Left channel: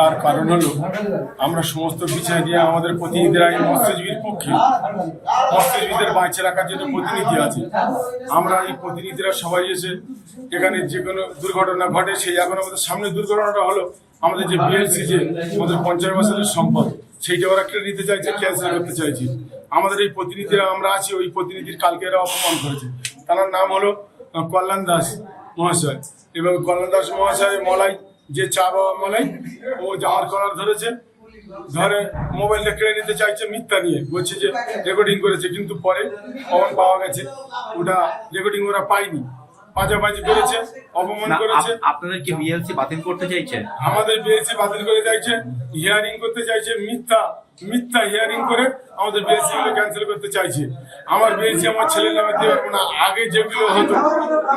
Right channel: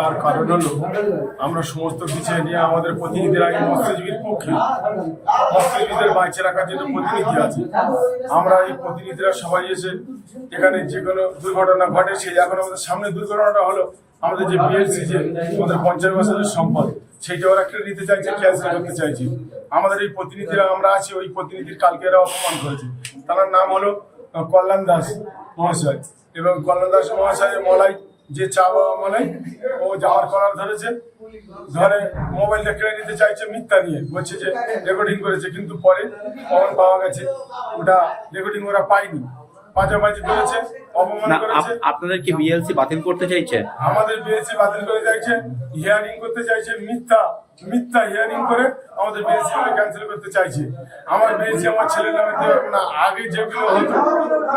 তার কারণ হলো, আমরা সমস্ত বিষয় নিয়ে আমাদের প্রতিনিধিরা এই মৎস্যজীবীর পক্ষে। মৎস্যজীবীদের বাঁচিয়ে রাখার জন্য প্রতিনিধি আছে, আমরা এই প্রতিনিধিরা সবাই এসে এখানে যে কোনো দুর্ঘটনা ঘটে, সেই এখন আমাদের সামনে দুর্ঘটনাটা হলো আমাদের যে বিএলসি যে আমাদের পঞ্চাশ বছরের সম্পদ, সেইটা ওরা কেড়ে নিতে চাইছে ক্যান্সেল করতে চাইছে। আমাদের এই প্রতিনিধিরা আমরা আছি, ওই প্রতিনিধির কালকে এরা অপমান করেছে। তার নাম হলো কল্যাণ দাস মহাশয়। এবং কল্যাণ দাস মহাশয় মলাই যে চা বাবা মলাই ও জামার কলার ধরেছে। ধরে মোবাইলটা কেড়ে নিতে চাইছে মিথ্যা নিয়ে। বলছে যে রেকর্ডিং করেছে কিন্তু পরে অমন পাওয়া গেছে। ওটা রেকর্ডিং ওরা পায়নি। পাজাবাজি করেছে অপমান করেছে। আপনাদের কি বিএলসি বাতিল করতে চাইছে? আমাদের বিএলসি বাতিল করে চাইছে হিয়ারিং করতে চাইছে মিথ্যা। মিথ্যা হিয়ারিং করে আমাদের বিএসসি গুলো ক্যান্সেল করতে চাইছে। আমার বিএসসি আমার ছেলের নামে দিতে পারব না। আগে যেগুলো হতো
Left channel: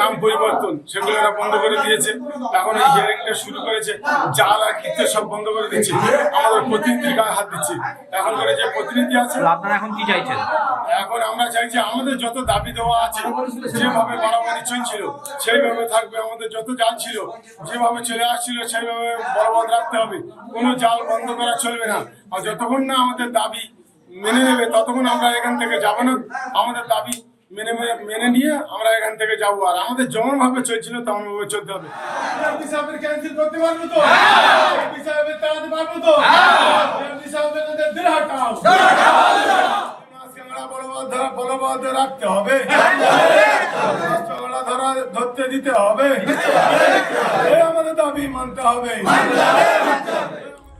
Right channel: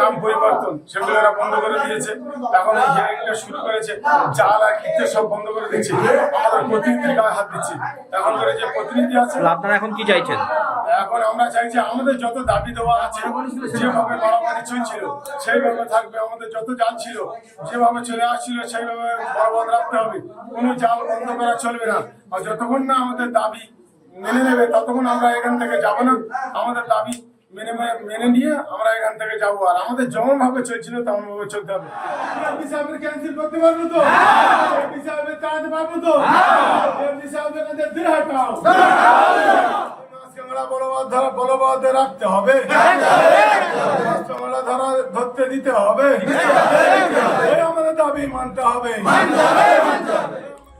নাম পরিবর্তন সেগুলো এরা বন্ধ করে দিয়েছে। এখন এই হিয়ারিংটা শুরু করেছে জাল আর কিতে সব বন্ধ করে দিচ্ছে। আমাদের প্রতিনিধির গায়ে হাত দিচ্ছে। এখন করে যে প্রতিনিধি আছে আপনারা এখন কি চাইছেন? এখন আমরা চাইছি আমাদের যত দাবি দেওয়া আছে যেভাবে মারামারি চলছিল সেইভাবে থাকবে। আমাদের যত জাল ছিল যেভাবে চলে আসছিল সেইভাবে বলবৎ রাখতে হবে। কোনো জাল বন্ধ করা চলবে না। আর যতক্ষণ না আমাদের দাবি মেনে নেবে ততক্ষণ আমরা এখান থেকে যাব না। আমাদের দাবি মেনে মেনে নিয়ে আমরা এখান থেকে যাব। আর আমাদের যেমন ভাবে চলছিল তেমন ভাবে চলতে হবে। ক্যান্সেল করতে পারব তো? পারব তো? বলবৎ রাখতে হবে। ধরা ধরতে দিতে হবে। আমাদের দাবি মানতে হবে।